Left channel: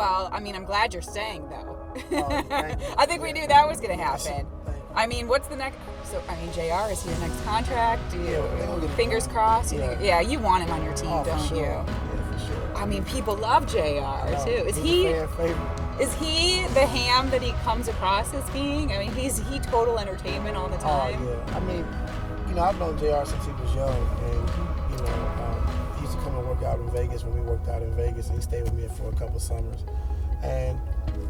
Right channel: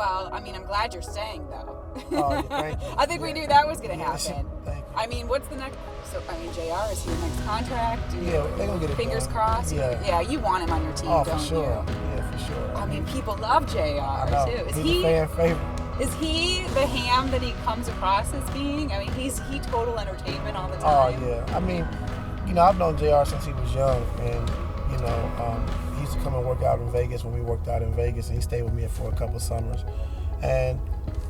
Well, I mean, I'm glad you're staying, though. Oh, thank you. I think we knew that was going to happen. Thank you. I mean, what's the next? So, I mean, JR, is he your next contract? Yeah, they're going to get it Fingers done. crossed? Yeah. You want him on your team, don't for sure. you? Yeah, for sure. I mean, people love JR, too. Is he's a fan favorite. Is he the ham that he comes across as being? I mean, he total entertainment all the time. Oh, yeah. I mean, I've known JR since he was young, and, he used to come and work out in Vegas when we worked out in Vegas, and he stayed with me for a couple of summers. And,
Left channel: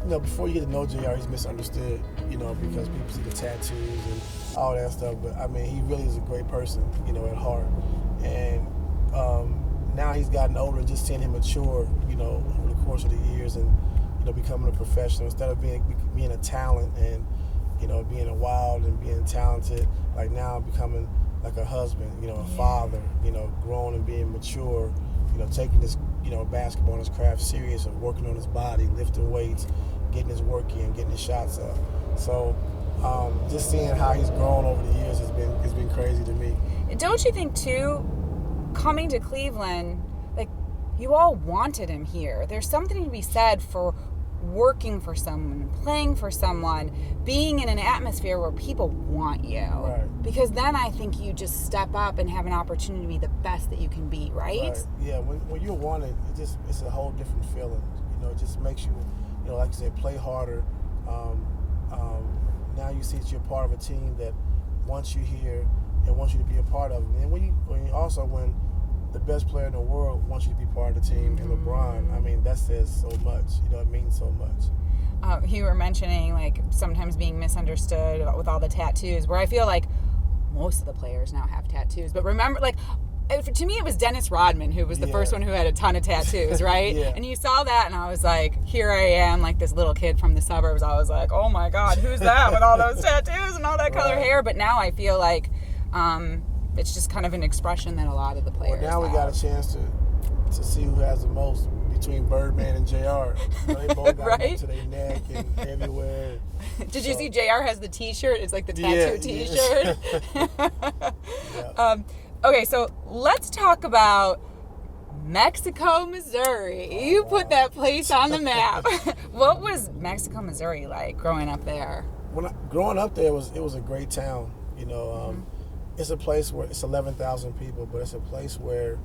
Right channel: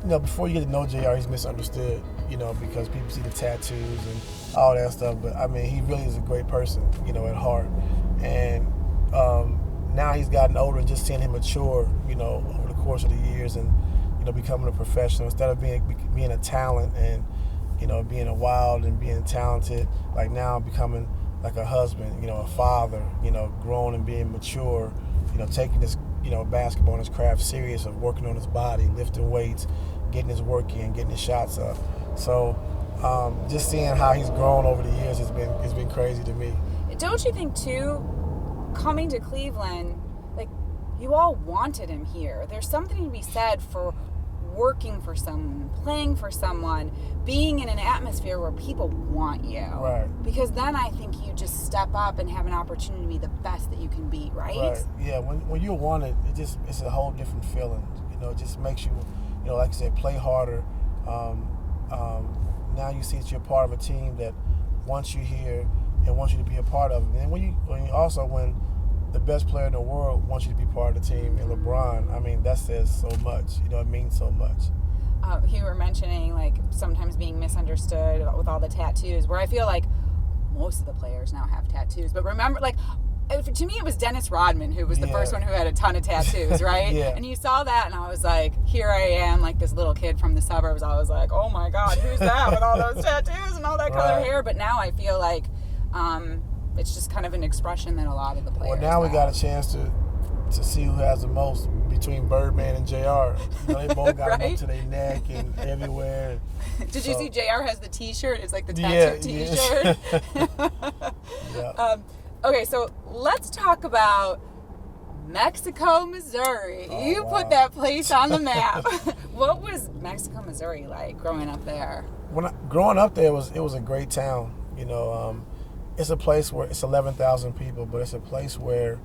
before you get to know JR, he's misunderstood, because people see the tattoos and all that stuff. But, I mean, he really is a great person, at heart. And now he's gotten older, and just seeing him mature, over the course of the years and, becoming a professional instead of being a talent and, being a wild and being talented, like now becoming like a husband, a father, grown and being mature, taking this, basketball and his craft serious of working on his body, lifting weights, getting his work in, getting his shots up. So just seeing how he's grown over the years has been crazy to me. Don't you think too, coming to Cleveland, like you all wanted him here. There's something to be said for working for someone, playing for someone, being in an atmosphere where people want you. Right. Because then I think you just step up and have an opportunity to be the best that you can be, right? Yeah, when you're wanted, it's a whole different feeling. It just makes you, like you said, play harder. Now you see that you're part of a team that wants you here and wants you to be a part of it. And when the best player in the world wants you to be part of the team, and LeBron, I mean, that says so much. It means so much. You were mentioning, like, sometimes being misunderstood with all the tattoos, where I feel like most of the players now have tattoos. But remember, like, to me, it was Dennis Rodman who was the first one who had a ton of tattoos, right? Yeah. And you saw that, and I was like, here I am, like this little kid from the suburbs. I was like, oh, my God, who's that with all those tattoos and all that color hair? But now I feel like it's just kind of an expression that a lot of the players Well, now have. we got a chance to see who has the most between Birdman and JR. They both got them up to their neck and everywhere. Did you see JR has the T-shirt? It's like the tattoo T-shirt. Yeah. Okay, so let's talk about Mexico, Missouri. You put that place on the map. What was Mexico, Missouri like growing up there? Growing up there, it was a great town. It's a place where it's 11,000 people, but it's a place where,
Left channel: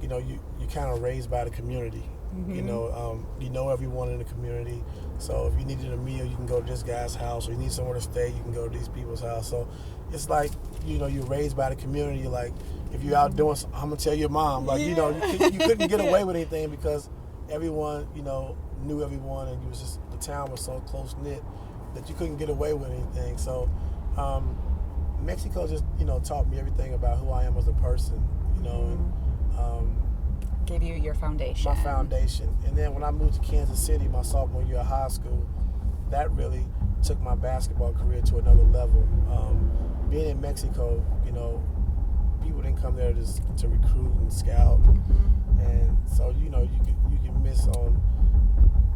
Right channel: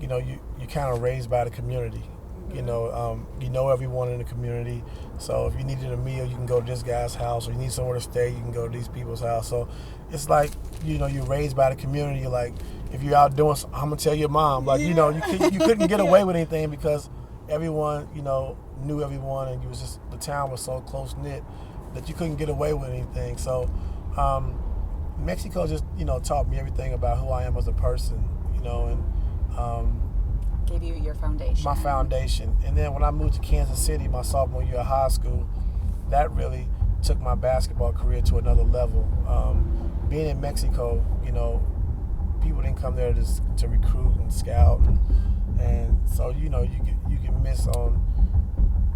you're kind of raised by the community. Mm-hmm. You know everyone in the community. So if you needed a meal, you can go to this guy's house, or you need somewhere to stay, you can go to these people's house. So it's like, you're raised by the community. Like, if you're out doing something, I'm going to tell your mom. Like, you couldn't get away with anything because everyone, knew everyone, and the town was so close-knit that you couldn't get away with anything. So Mexico just, taught me everything about who I am as a person, and gave you your foundation. My foundation. And then when I moved to Kansas City, my sophomore year of high school, that really took my basketball career to another level. Being in Mexico, people didn't come there to recruit and scout, and so you can miss on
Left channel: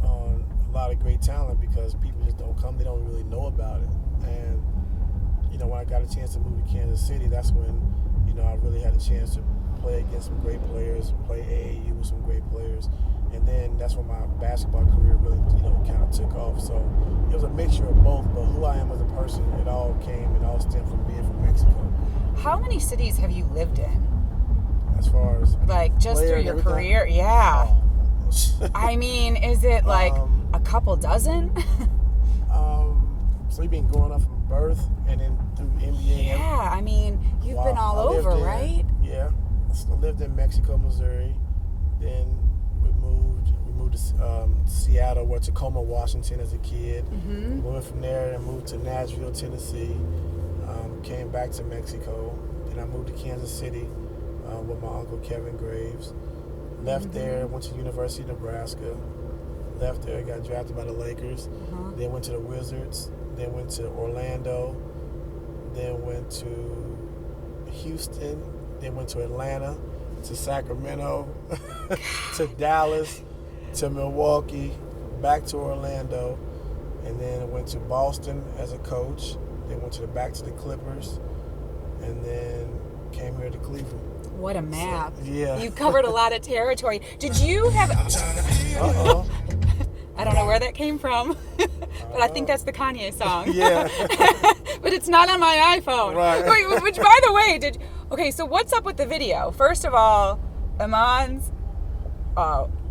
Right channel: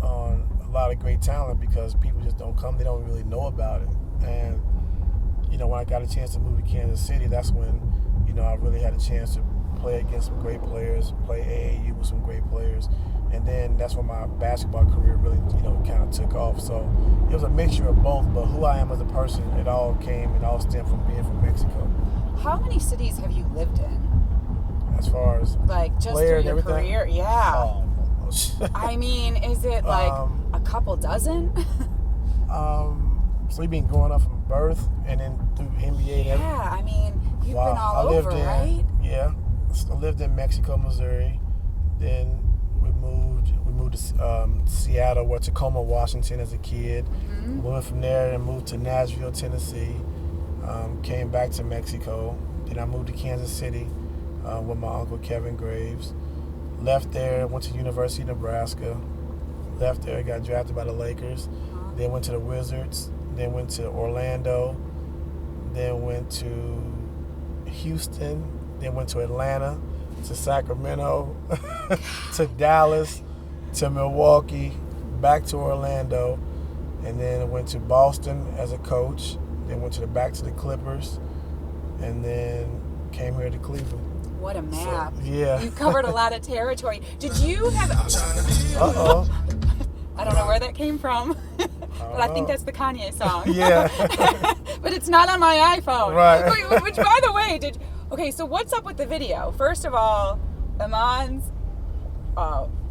a lot of great talent because people just don't come. They don't really know about it. And when I got a chance to move to Kansas City, that's when I really had a chance to play against some great players, play AAU with some great players, and then that's when my basketball career really kind of took off. So it was a mixture of both, but who I am as a person, it all stemmed from being from Mexico. How many cities have you lived in? As far as like just through your career? Yeah. Oh. I mean, is it like a couple dozen? So you've been growing up from birth and then through NBA. Yeah, I mean, you've been all over, right? Yeah. I lived in Mexico, Missouri. Then we moved to Seattle, or Tacoma, Washington as a kid. Mm-hmm. Moved from there and moved to Nashville, Tennessee. Came back to Mexico. Then I moved to Kansas City with my uncle Kevin Graves. Left there, went to University of Nebraska. Left there, got drafted by the Lakers. Then went to the Wizards. Then went to Orlando. Then went to Houston. Then went to Atlanta, to Sacramento, to Dallas, to Milwaukee, back to Orlando, and then went to Boston as a coach. Then went back to the Clippers, and then came here to Cleveland. What a map! So, yeah, you covered a lot of territory. Did you have? I don't know where that came from, but I think that's the Kanye song. Yeah. But it's not on my iPhone. Right. Wait, which, by the way, okay, so what's up with the video? First of all, Iman's,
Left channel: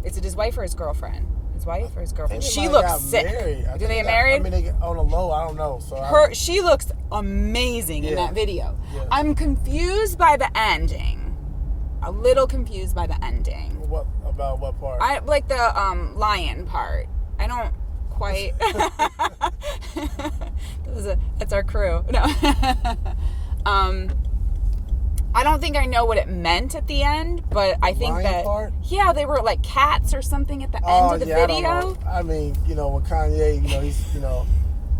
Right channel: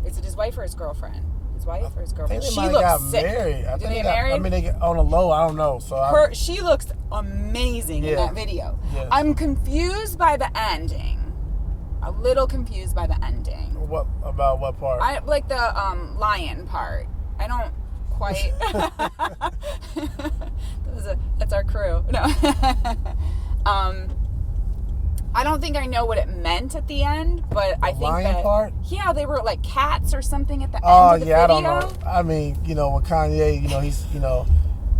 is it his wife or his girlfriend? His wife or his girlfriend? She looks sick. Married. Do they get married? I mean, they get on the low. I don't know. So she looks amazing in that video. Yeah. I'm confused by the ending. A little confused by the ending. What about what part? I like the lion part. I don't quite. That's our crew. No. I don't think I know what it meant at the end, but I think that part? Yeah, they were like cats or something at the end of the video. I don't know. I mean, with Kanye,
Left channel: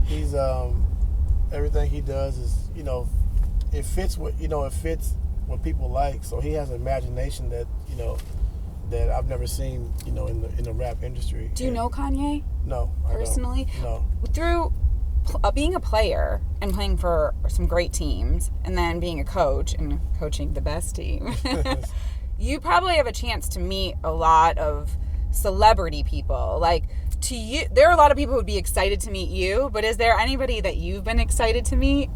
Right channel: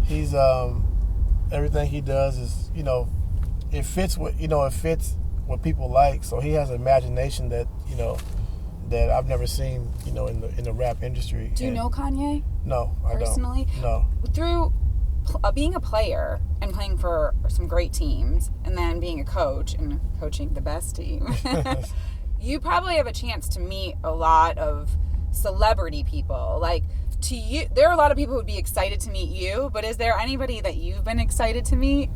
he's everything he does is, it fits what people like. So he has an imagination that that I've never seen in the rap industry. Do you know Kanye? No, I don't. Personally? No. Through being a player and playing for some great teams, and then being a coach and coaching the best team, you probably have a chance to meet a lot of celebrity people. Like, to you, there are a lot of people who would be excited to meet you, but is there anybody that you've been excited to meet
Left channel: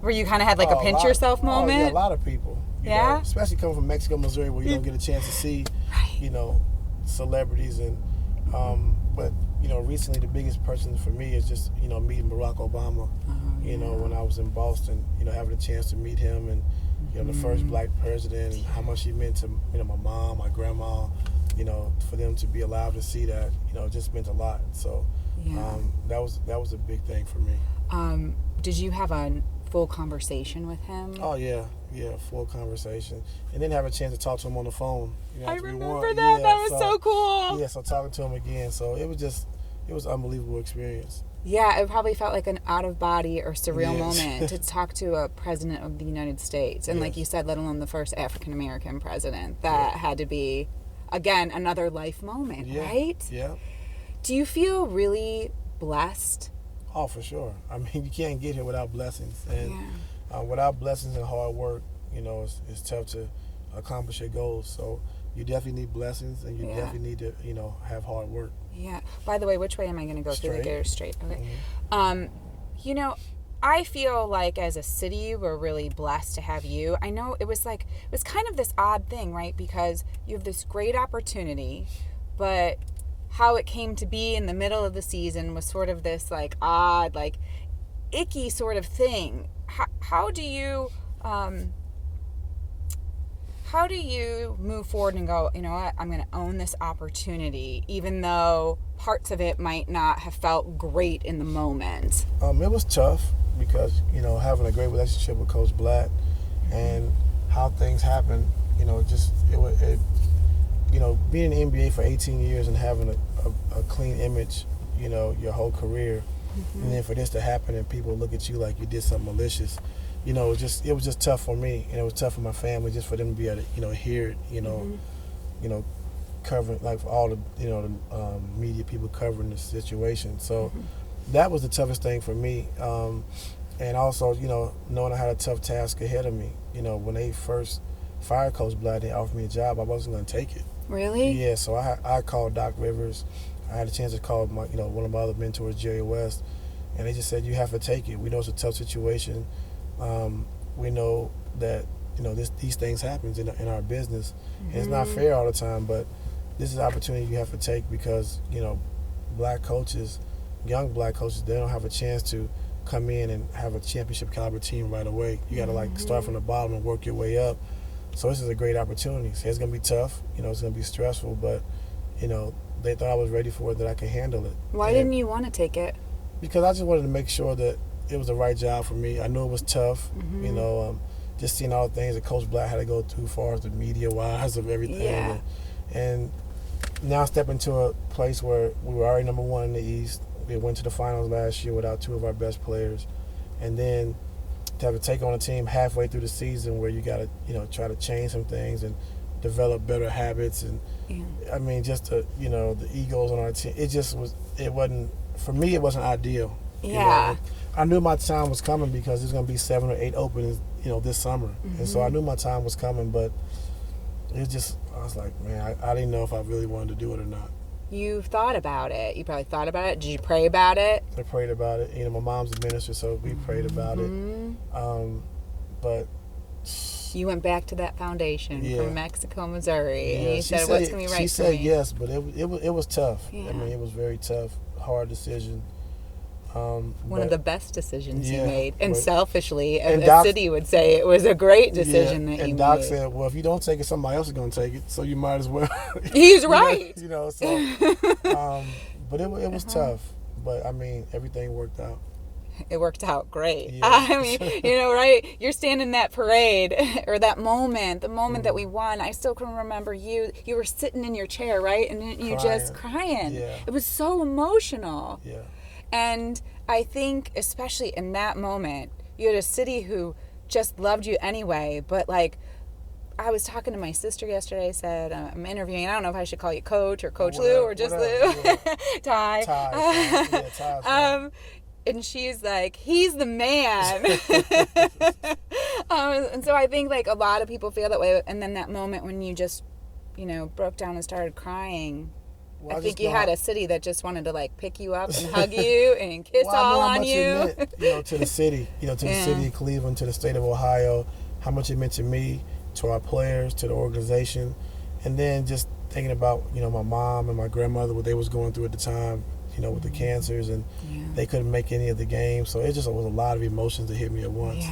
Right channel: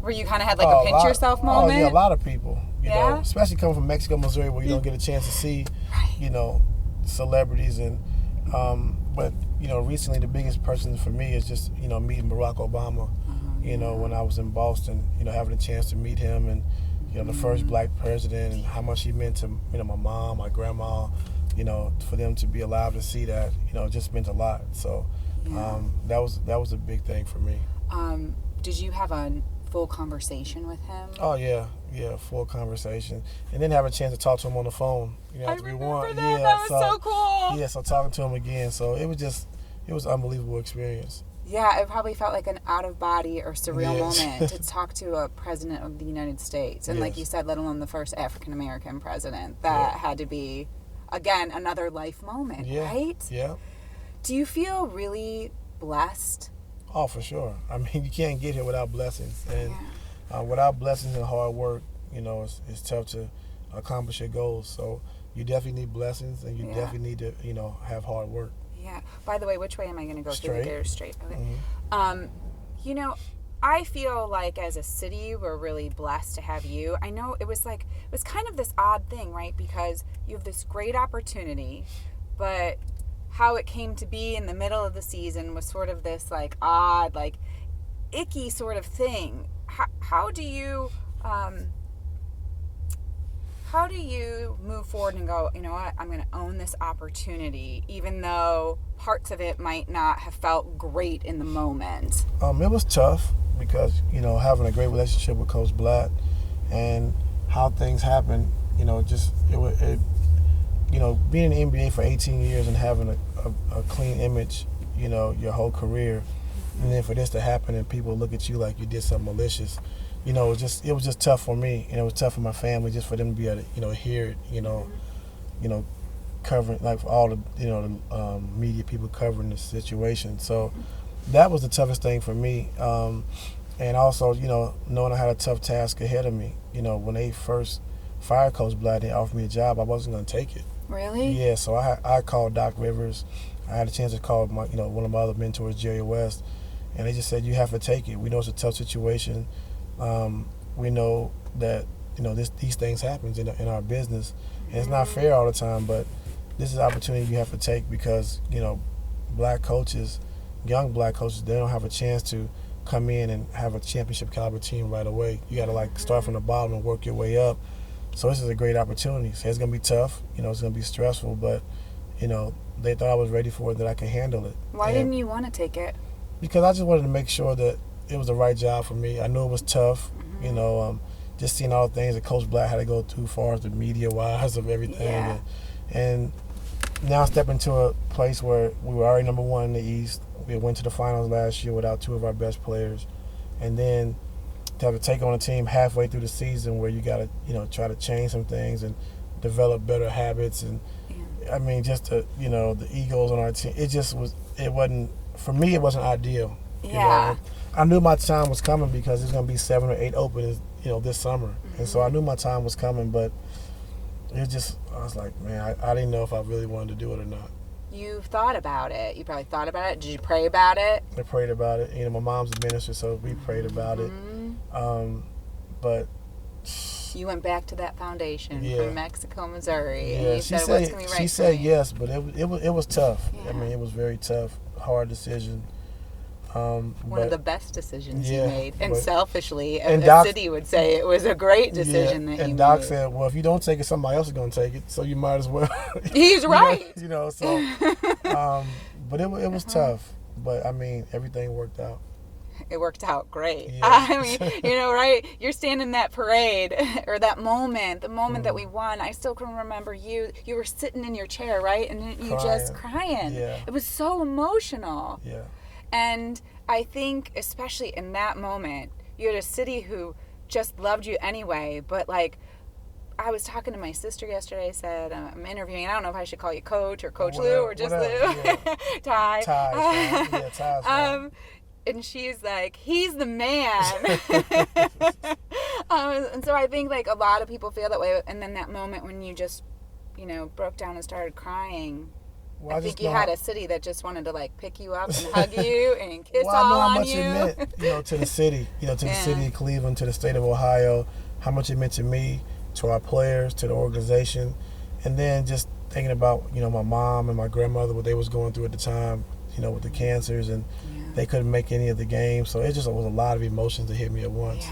where you kind of had like a pinch yourself moment? Oh, yeah, a lot of people. You Yeah? know, especially coming from Mexico, Missouri, where you don't get a chance to see, celebrities. And but recently the biggest person for me is just meeting Barack Obama. When I was in Boston, having a chance to meet him, and the first black president, and how much he meant to my mom, my grandma. For them to be alive to see that, it just meant a lot. So that was a big thing for me. Did you have a full conversation with him? Oh yeah, full conversation, and then have a chance to talk to him on the phone. I remember that. Yeah, that was so cool. Yeah, so talking to him again, so it was an unbelievable experience. Yeah, it probably felt like an out-of-body or surreal moment to talk to a president of the United States, and like you said, let alone the first African-American president. That had to be, again, another life moment, right? Yeah. Do you feel really blessed? Oh, for sure. I mean, you can't get here without blessings. And without blessings and hard work, it's tough to accomplish your goals. So you definitely need blessings, and you definitely need to, have hard work. Yeah. By the way, which way am I going to go? Straight. Straight. Okay. Mm-hmm. I feel like as a city, we're really blessed to have you. I know it was kind of this odd thing, right? Because you have this great opportunity, but how it came to be in the middle of the season was sort of this like odd, like icky sort of thing. How do you move forward and go, you know what, I'm going to own this opportunity, even though parts of it might not have felt great in the moment? It was tough because, having a great relationship with Coach Blatt and how things happen, being in the NBA for 18 years and having a clean image, your whole career, and then for this to happen and people look at you like you did something malicious, it was just tough for me, and it was tough for my family, just for them to be able to, hear it, covering, like, all the, the media people covering the situation. So that was the toughest thing for me. And also, knowing I had a tough task ahead of me. When they first fired Coach Blatt, they offered me a job, I wasn't going to take it. Really? Yeah, so I called Doc Rivers. I had a chance to call my, one of my other mentors, Jerry West, and they just said, you have to take it. We know it's a tough situation. We know that, these things happen in our business. And it's not fair all the time, but this is an opportunity you have to take because, black coaches, young black coaches, they don't have a chance to come in and have a championship caliber team right away. You got to start from the bottom and work your way up. So this is a great opportunity. So it's going to be tough, it's going to be stressful, but, they thought I was ready for it, that I could handle it. Why didn't you want to take it? Because I just wanted to make sure that it was the right job for me. I knew it was tough, just seeing all the things that Coach Blatt had to go through as far as the media-wise of everything. Yeah. And now stepping into a place where we were already number one in the East. We went to the finals last year without two of our best players. And then to have to take on a team halfway through the season where you got to, try to change some things and develop better habits. And, I mean, just the egos on our team. For me, it wasn't ideal. Yeah. I knew my time was coming because there's going to be 7 or 8 openings, this summer. And so I knew my time was coming, but I was like, man, I didn't know if I really wanted to do it or not. you thought about it. You probably thought about it. Did you pray about it? I prayed about it. You know, my mom's a minister, so we prayed about it. But you went back to that foundation from Mexico, Missouri, and you said, "What's going to be right?" She said yes, but it was tough. Yeah. I mean, it was very tough, hard decision. One of the best decisions you Yeah, made, and but- selfishly, and a Doc- city would say it was a great decision that you And Doc made. said, well, if you don't take it, somebody else is going to take it, so you might as well. He's right. You know, so, but it was tough. But, I mean, everything worked out. It worked out great. Yeah. I mean, you know, right? You're standing in that parade, or that moment, the moment that we won. I still can remember you. You were sitting in your chair, right? And you just crying. Yeah. It was so emotional. Yeah. And I think, especially in that moment, you had a city who just loved you anyway. But, like, I was talking to my sister yesterday. I said, I'm interviewing. I don't know if I should call you Coach or Coach Lue or just Lou. Yeah. Ty. Ty. And she's like, he's the man. And so I think, like, a lot of people feel that way. And then that moment when you just, you know, broke down and started crying. Well, I think you had a city that just wanted to, like, pick you up and hug you and kiss I all know how on much you. it meant, you know, to the city, the city of Cleveland, to the state of Ohio, how much it meant to me, to our players, to the organization. And then just thinking about, you know, my mom and my grandmother, what they was going through at the time, you know, with the cancers, and they couldn't make any of the games. So it just was a lot of emotions that hit me at once.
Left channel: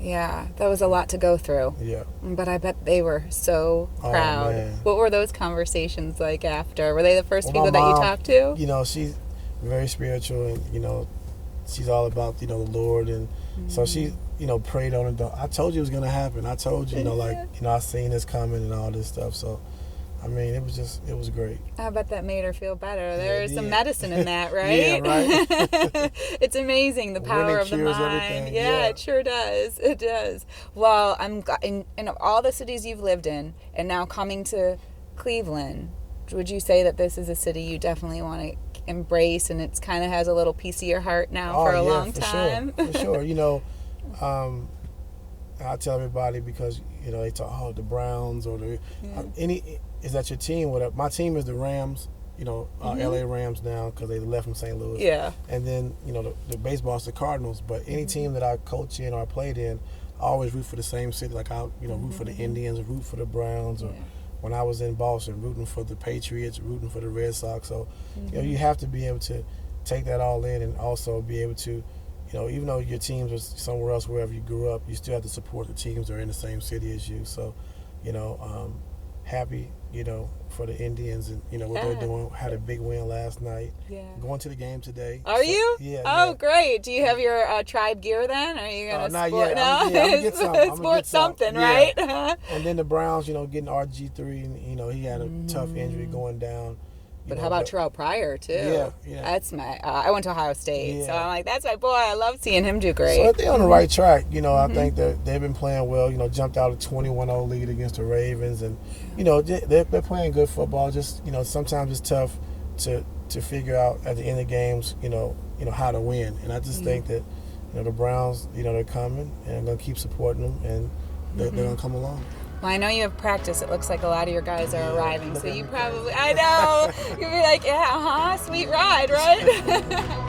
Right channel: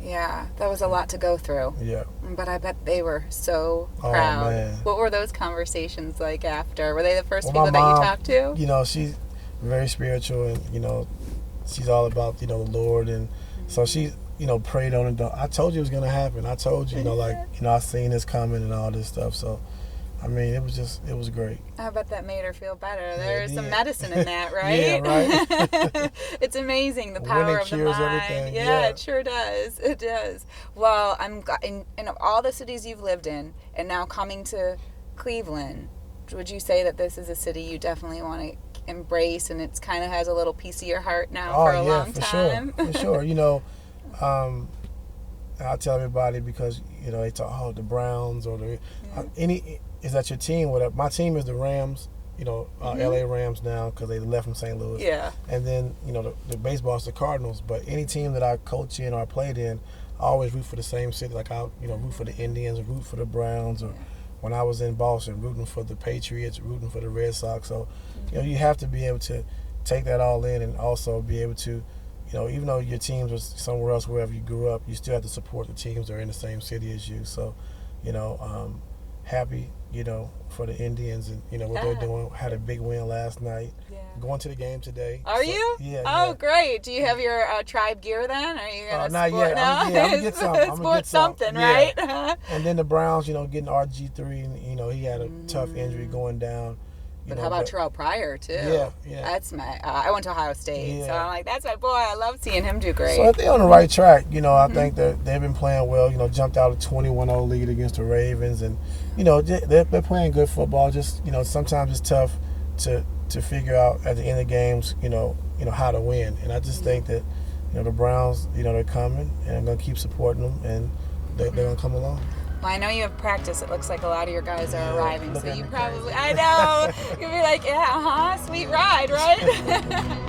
Yeah, that was a lot to go through. Yeah. But I bet they were so proud. Man. What were those conversations like after? Were they the first Well, people my mom, that you talked to? You know, she's very spiritual, and, you know, she's all about, you know, the Lord. And so she, you know, prayed on it. I told you it was going to happen. I told you, you know, like, you know, I seen this coming and all this stuff. So, I mean, it was great. I bet that made her feel better. There's it some did. medicine in that, right? Yeah, right. It's amazing, the power Winning of the cures mind. everything. Yeah, Yeah. it sure does. It does. Well, in all the cities you've lived in, and now coming to Cleveland, would you say that this is a city you definitely want to embrace, and it's kind of has a little piece of your heart now for a long time? For sure. You know, I tell everybody, because, you know, they talk, the Browns or is that your team? Whatever. My team is the Rams, you know, LA Rams now, because they left from St. Louis. Yeah. And then, you know, the baseball is the Cardinals. But any team that I coach in or I played in, I always root for the same city. Like, I, you know, root for the Indians, or root for the Browns, or when I was in Boston, rooting for the Patriots, rooting for the Red Sox. So, you know, you have to be able to take that all in, and also be able to, you know, even though your teams was somewhere else, wherever you grew up, you still have to support the teams that are in the same city as you. So, you know, happy, you know, for the Indians and, you know, what they're doing. Had a big win last night. Yeah. Going to the game today. Are you? Yeah. Oh, great. Do you have your tribe gear then? Are you going to not sport? yet. No? I'm gonna get some. I'm gonna get some. Something, right? And then the Browns, you know, getting RG3, and, you know, he had a tough injury going down. But how about Terrell Pryor, too? Yeah. That's my, I went to Ohio State, so Yeah. I'm like, that's my boy. I love seeing him do great. So if they're on the right track, you know, I think that they've been playing well. You know, jumped out a 21-0 lead against the Ravens, and, you know, they're playing good football. Just, you know, sometimes it's tough to figure out at the end of games, you know how to win. And I just think that, you know, the Browns, you know, they're coming, and I'm gonna keep supporting them, and they're gonna come along. Well, I know you have practice. It looks like a lot of your guys are arriving, so you probably, crazy. I know, you'll be like, yeah, sweet ride, right?